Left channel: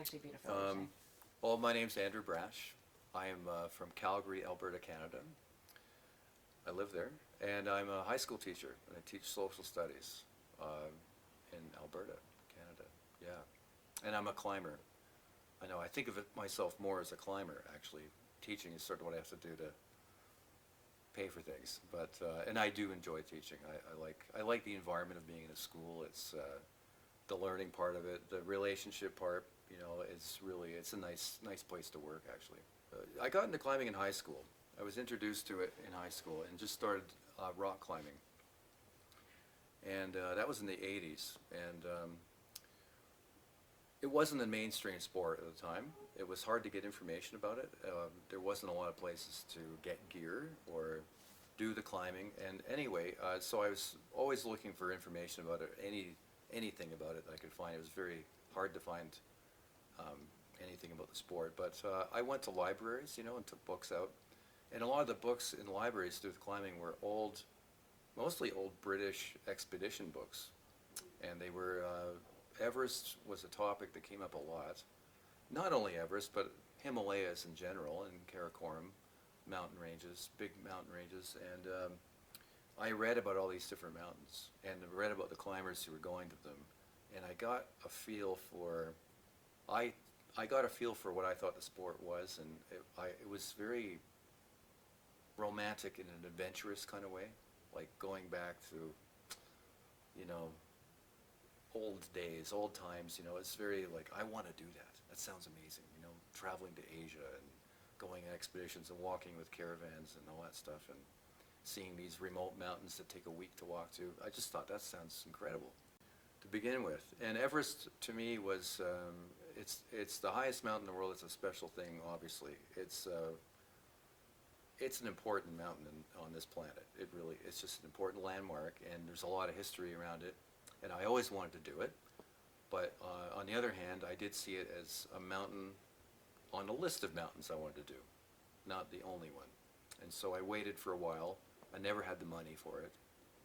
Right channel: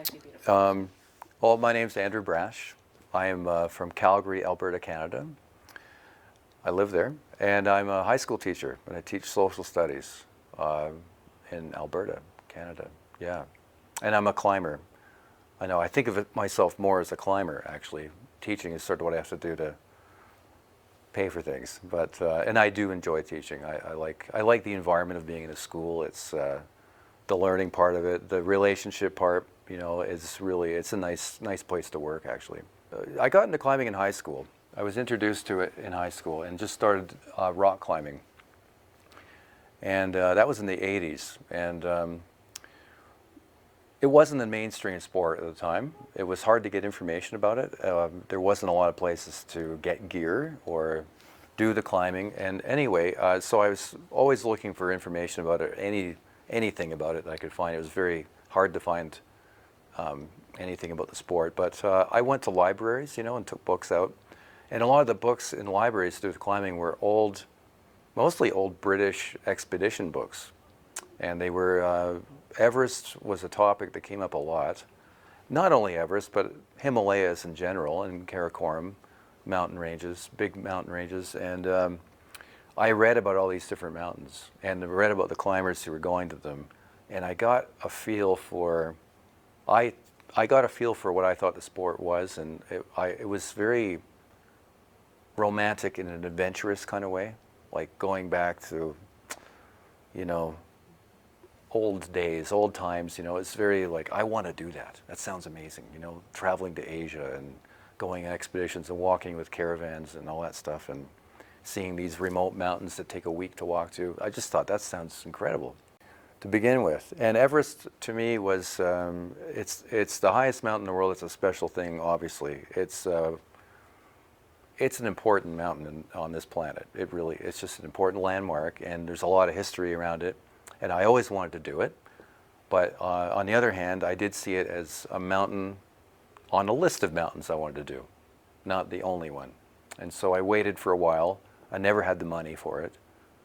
actually beautiful. Well, my name's Andrew Brash. I am from Calgary, Alberta, Canada. I live there, and I'm a high school teacher, and I teach social studies in Alberta, Canada. Yeah, and I'm a climber. I know. I think of myself more as a climber, actually. Teaching is sort of what I have to do to pay for things, but and I do enjoy teaching. I like the environment of being in a school. It's the learning part of it, the relationship part. You know, it's a nice place to work, actually. I got into climbing in high school. I was introduced to it in high school and just started rock climbing. And that was in the 80s. And it wasn't a mainstream sport at the time. It was hard to get information about it. There wasn't a lot of places to get gear or do the climbing. And anyway, so I was always looking for information about it, anything about it that I could find. It was very hard to find anything about the sport. But I went to libraries, you know, and took books out. And a lot of the books in libraries to do with climbing were mostly old British expedition books. And they were, Everest was a topic that came up a lot. Not only Everest, but Himalayas in general, and Karakoram mountain ranges, big mountain ranges. And I read about all these different mountains and read about the climbers who were going to them. And I got a feel for, I got a feel for what I thought the sport was. And it was very romantic in an adventurous kind of way, like going back to, you know, old days, old times. You know, it's very like, I want to do that. That sounds amazing, you know, traveling to Asia and going on expeditions and walking with caravans and all that stuff and seeing these remote mountains that take a week to walk to. I just thought that sounds incredible to begin with. And Everest to me was, it's the highest mountain in the world. It's a special thing, obviously. It's an important mountain on this planet. It's just an important landmark, and there's a lot of history around it. And I always wanted to do it. But on the other hand, I did see it as a mountain on a list of mountains I wanted to do, not the only one. And so I waited for a while. I never had the money for it.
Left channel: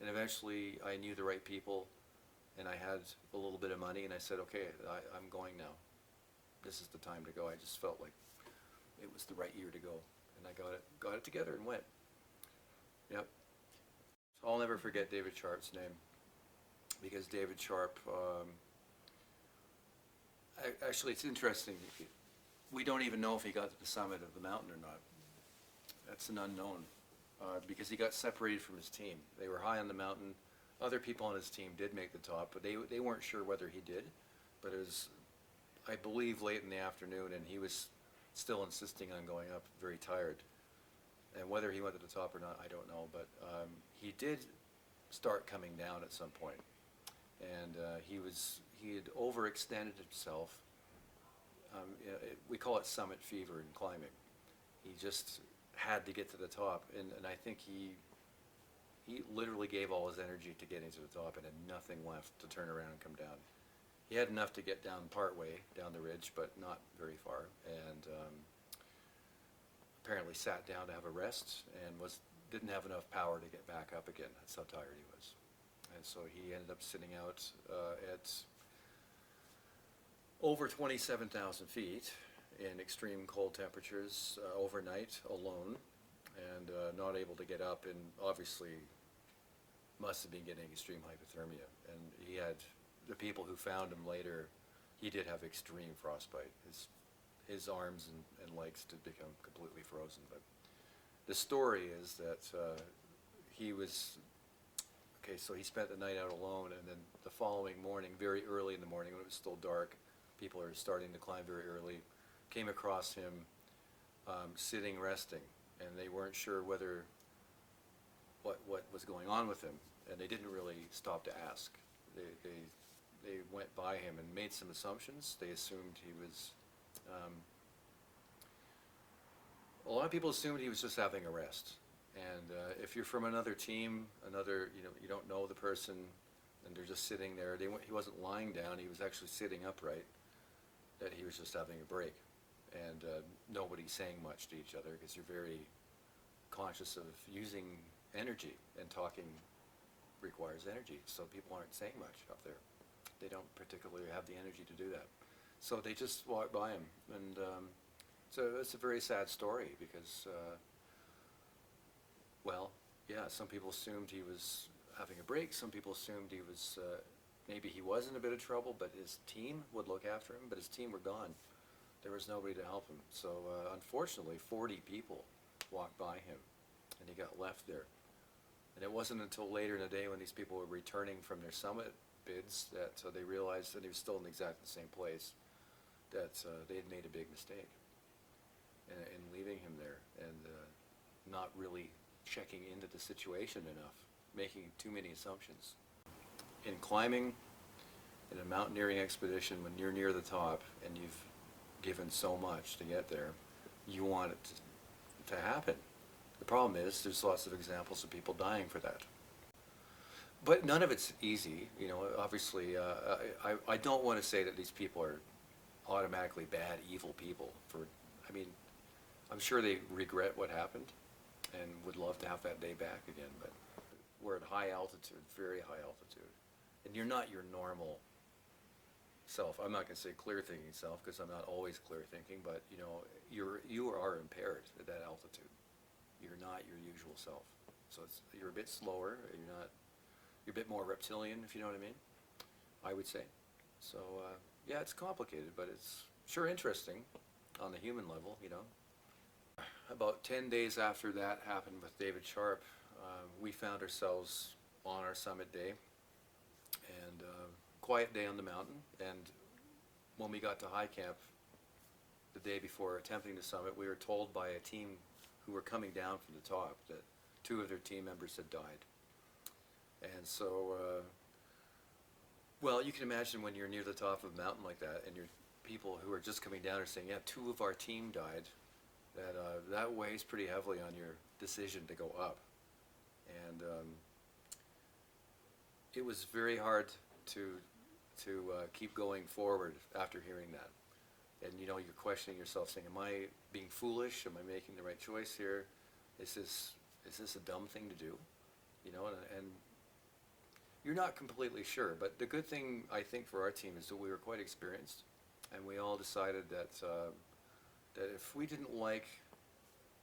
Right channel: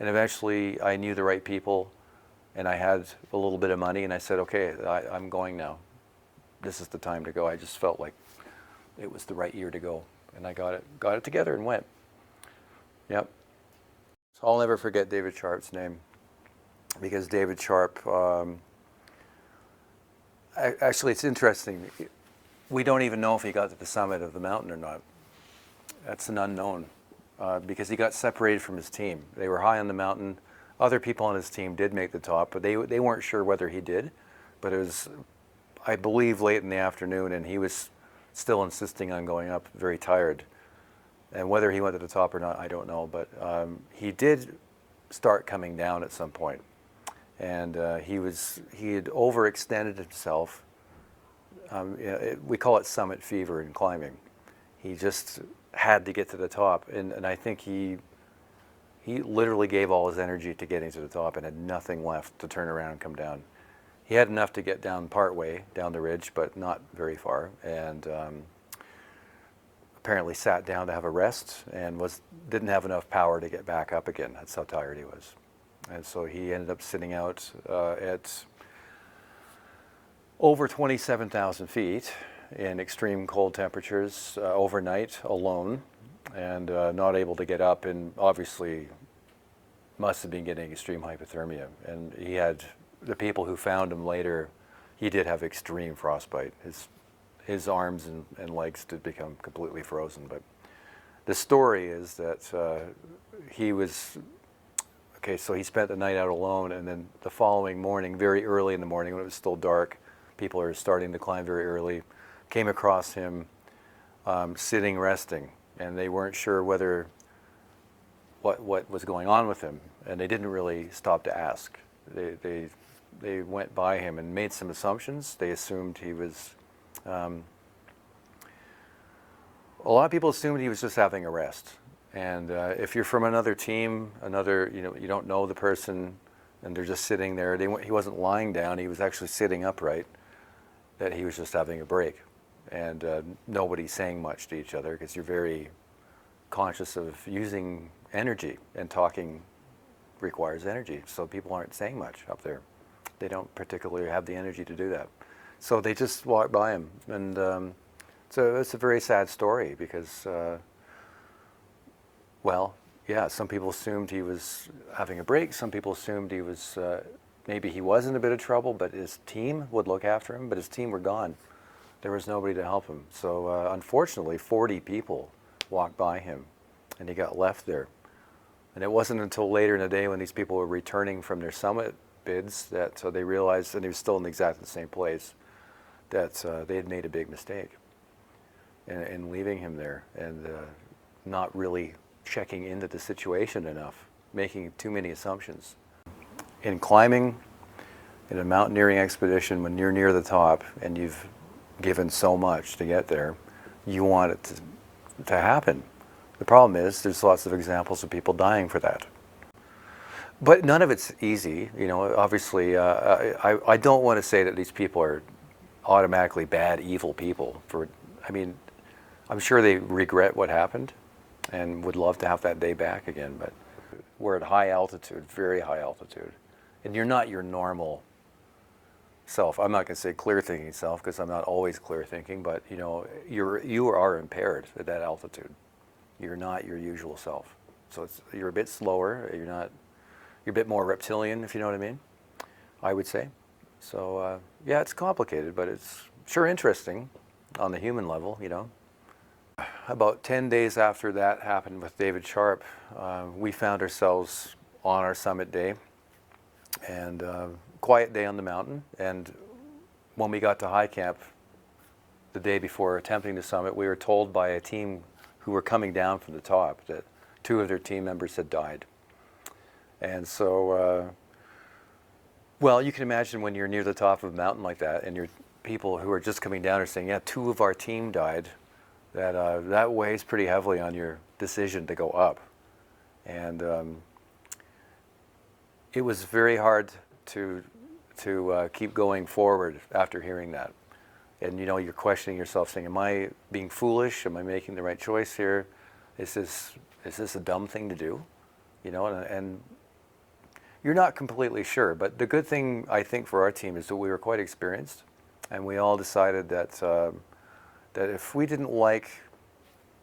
And eventually I knew the right people, and I had a little bit of money, and I said, okay, I'm going now. This is the time to go. I just felt like it was the right year to go. And I got it together and went. Yep. So I'll never forget David Sharp's name, because David Sharp, actually it's interesting. We don't even know if he got to the summit of the mountain or not. That's an unknown, because he got separated from his team. They were high on the mountain. Other people on his team did make the top, but they weren't sure whether he did. But it was, I believe, late in the afternoon, and he was still insisting on going up, very tired. And whether he went to the top or not, I don't know. But he did start coming down at some point. And he had overextended himself. We call it summit fever in climbing. He just had to get to the top. And I think he literally gave all his energy to getting to the top and had nothing left to turn around and come down. He had enough to get down part way down the ridge, but not very far, and apparently sat down to have a rest and didn't have enough power to get back up again. That's how tired he was. And so he ended up sitting out at over 27,000 feet in extreme cold temperatures overnight alone, and not able to get up, and obviously must have been getting extreme hypothermia. And he had, the people who found him later, he did have extreme frostbite. His arms and legs did become completely frozen. But the story is that so he spent the night out alone, and then the following morning, very early in the morning when it was still dark, people are starting to climb very early, came across him sitting, resting, and they weren't sure what was going on with him, and they didn't really stop to ask. They went by him and made some assumptions. They assumed he was, a lot of people assumed he was just having a rest. And if you're from another team, you don't know the person, and they're just sitting there, he wasn't lying down, he was actually sitting upright, that he was just having a break. And nobody's saying much to each other, because you're very conscious of using energy, and talking requires energy. So people aren't saying much up there. They don't particularly have the energy to do that. So they just walked by him, and so it's a very sad story because, well, yeah, some people assumed he was having a break. Some people assumed he was maybe he was in a bit of trouble, but his team would look after him. But his team were gone. There was nobody to help him. So unfortunately, 40 people walked by him, and he got left there. And it wasn't until later in the day when these people were returning from their summit bids that they realized, and he was still in exactly the same place, that they had made a big mistake in leaving him there and not really checking into the situation enough, making too many assumptions. In climbing, in a mountaineering expedition, when you're near the top and you've given so much to get there, you want it to happen. The problem is there's lots of examples of people dying for that. But none of it's easy, you know. Obviously, I don't want to say that these people are automatically bad, evil people. I mean, I'm sure they regret what happened and would love to have that day back again. But we're at high altitude, very high altitude, and you're not your normal self. I'm not going to say clear thinking self because I'm not always clear thinking, but you know, you are impaired at that altitude. You're not your usual self. So you're a bit slower. You're a bit more reptilian, if you know what I mean, I would say. So yeah, it's complicated, but it's sure interesting on the human level, you know. About 10 days after that happened with David Sharp, we found ourselves on our summit day, and quiet day on the mountain. And when we got to high camp the day before attempting the summit, we were told by a team who were coming down from the top that 2 of their team members had died. And so, well, you can imagine when you're near the top of a mountain like that, and your people who are just coming down are saying, yeah, 2 of our team died, that weighs pretty heavily on your decision to go up. And it was very hard to keep going forward after hearing that. And you know, you're questioning yourself, saying, am I being foolish? Am I making the right choice here? Is this a dumb thing to do? You know, and you're not completely sure. But the good thing, I think, for our team is that we were quite experienced, and we all decided that that if we didn't like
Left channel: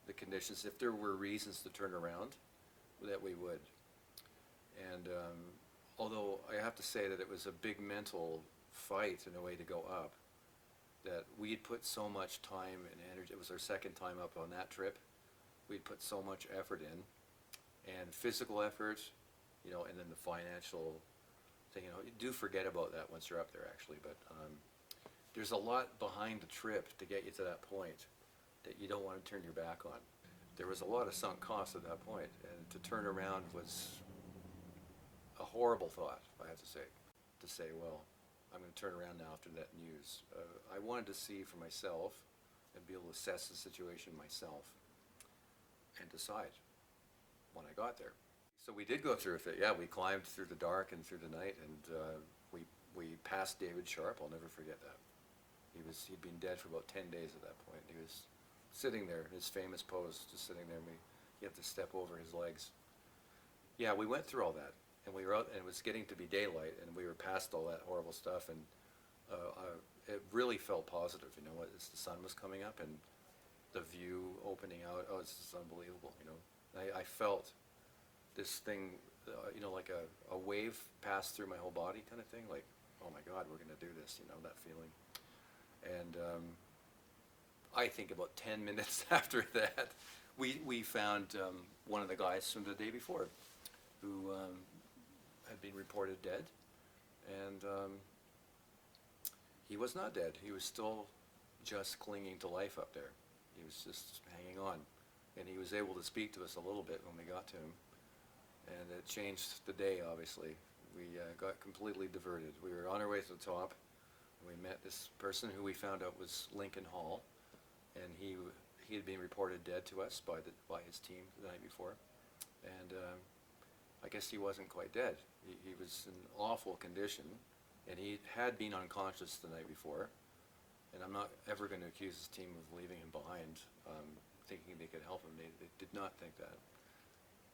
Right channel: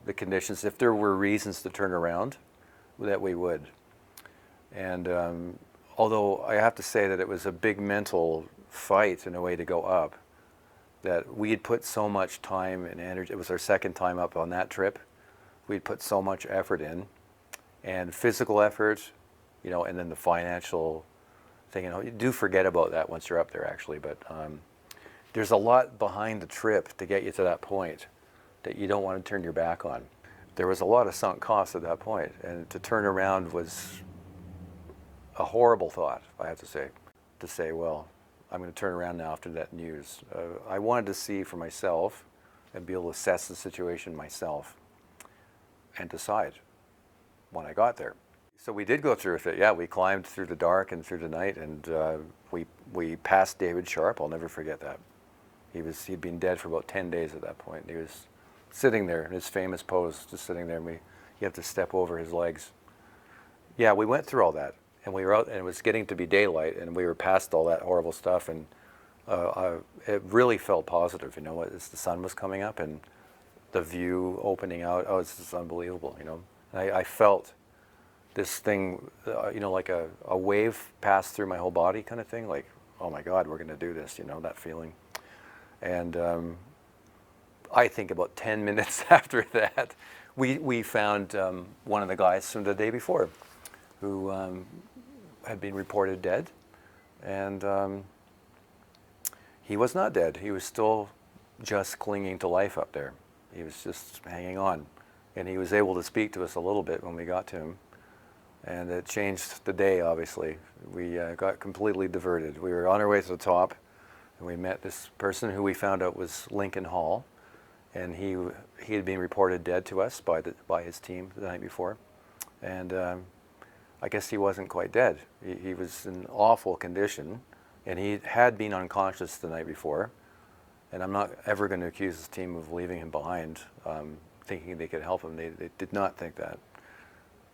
the conditions, if there were reasons to turn around, that we would. And although I have to say that it was a big mental fight in a way to go up, that we had put so much time and energy. It was our second time up on that trip. We'd put so much effort in, and physical effort, you know, and then the financial thing. You know, you do forget about that once you're up there, actually. But there's a lot behind the trip to get you to that point that you don't want to turn your back on. There was a lot of sunk costs at that point, and to turn around was a horrible thought, I have to say. To say, well, I'm going to turn around now after that news. I wanted to see for myself and be able to assess the situation myself and decide when I got there. So we did go through with it. Yeah, we climbed through the dark and through the night, and we passed David Sharp. I'll never forget that. He'd been dead for about 10 days at that point. And he was sitting there in his famous pose, just sitting there, and you have to step over his legs. Yeah, we went through all that, and we were out, and it was getting to be daylight, and we were past all that horrible stuff, and it really felt positive, you know, as the sun was coming up and the view opening out. Oh, it's just unbelievable, you know. I felt this thing, you know, like a wave pass through my whole body kind of thing, like, oh my God, we're going to do this, you know, that feeling. And I think about 10 minutes after that, we found one of the guys from the day before who had been reported dead. And he was not dead. He was still just clinging to life up there. He was just hanging on. And he was able to speak to us a little bit when we got to him. And it changed the day, obviously. We got completely diverted. We were on our way to the top, and we met this person who we found out was Lincoln Hall. And he had been reported dead to us by his team the night before. And I guess he wasn't quite dead. He was in awful condition, and he had been unconscious the night before. And I'm not ever going to accuse his team of leaving him behind, thinking they could help him. They did not think that.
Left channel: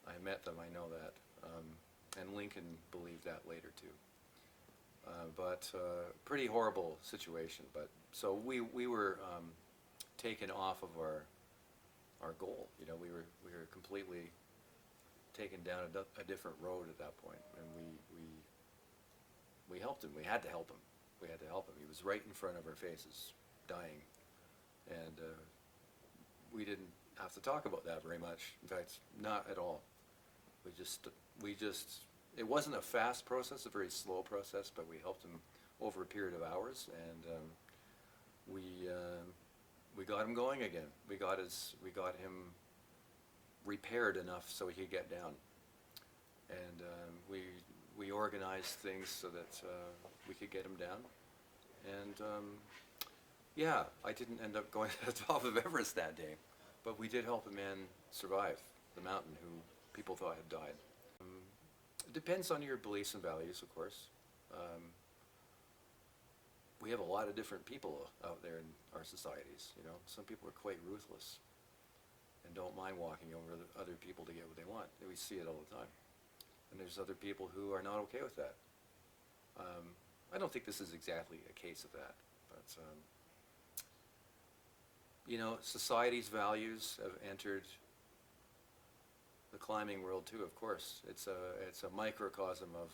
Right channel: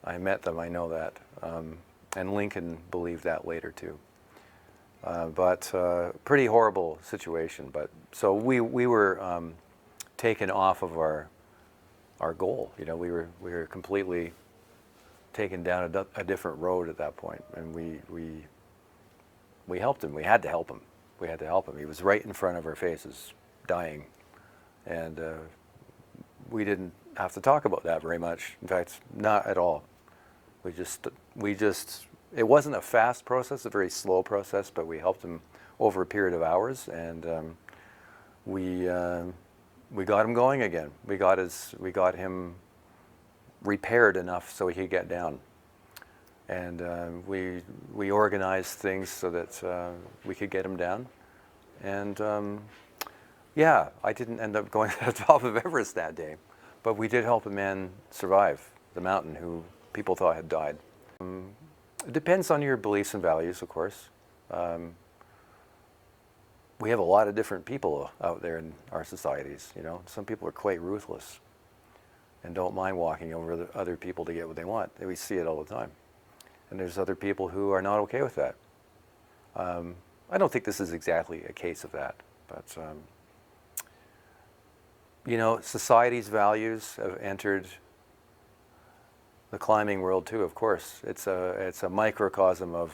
I met them, I know that. And Lincoln believed that later too. But pretty horrible situation. But so we were taken off of our goal. You know, we were completely taken down a different road at that point, and we helped him. We had to help him. We had to help him. He was right in front of our faces, dying, and we didn't have to talk about that very much. In fact, not at all. We just it wasn't a fast process, a very slow process, but we helped him over a period of hours, and we got him going again. We got him repaired enough so he could get down, and we organized things so that we could get him down, and yeah, I didn't end up going to the top of Everest that day, but we did help a man survive the mountain who people thought had died. It depends on your beliefs and values, of course. We have a lot of different people out there in our societies. You know, some people are quite ruthless and don't mind walking over other people to get what they want. We see it all the time. And there's other people who are not okay with that. I don't think this is exactly a case of that, but you know, society's values have entered the climbing world too. Of course, it's a microcosm of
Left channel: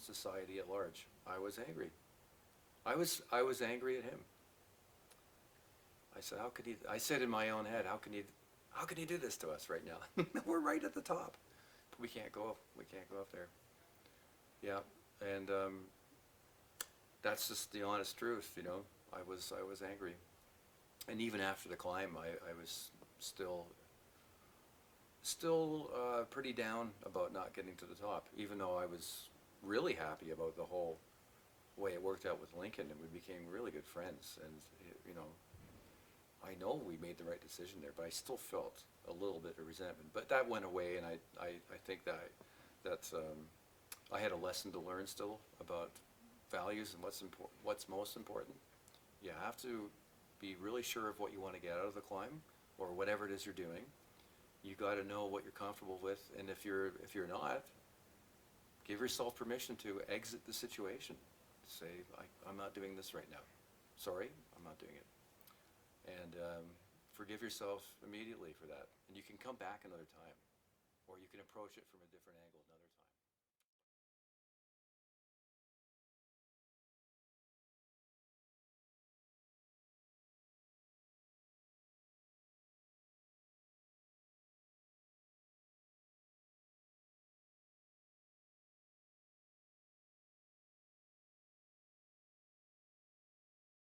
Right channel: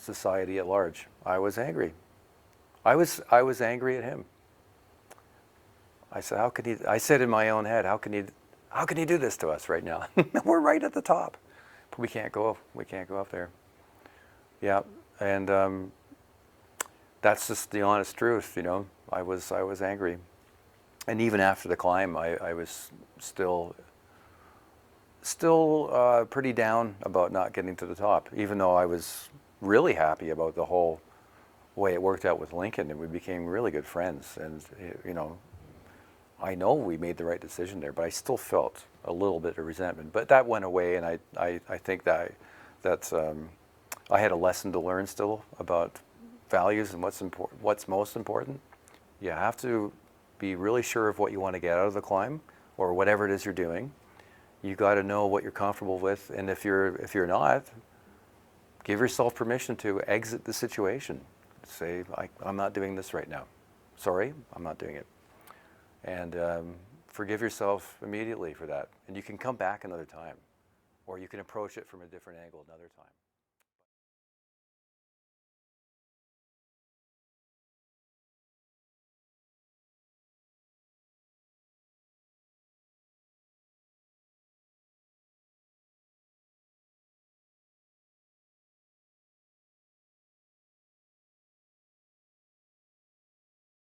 society at large. I was angry. I was angry at him. I said, how could he? I said in my own head, how can he do this to us right now? We're right at the top. We can't go up there. Yeah, and that's just the honest truth, you know. I was angry, and even after the climb, I was still pretty down about not getting to the top, even though I was really happy about the whole way it worked out with Lincoln, and we became really good friends. And you know, I know we made the right decision there, but I still felt a little bit of resentment. But that went away, and I think that I had a lesson to learn still about values and what's most important. You have to be really sure of what you want to get out of the climb or whatever it is you're doing. You got to know what you're comfortable with, and if you're not, give yourself permission to exit the situation. Say, I'm not doing this right now. Sorry, I'm not doing it. And forgive yourself immediately for that. And you can come back another time, or you can approach it from a different angle another time.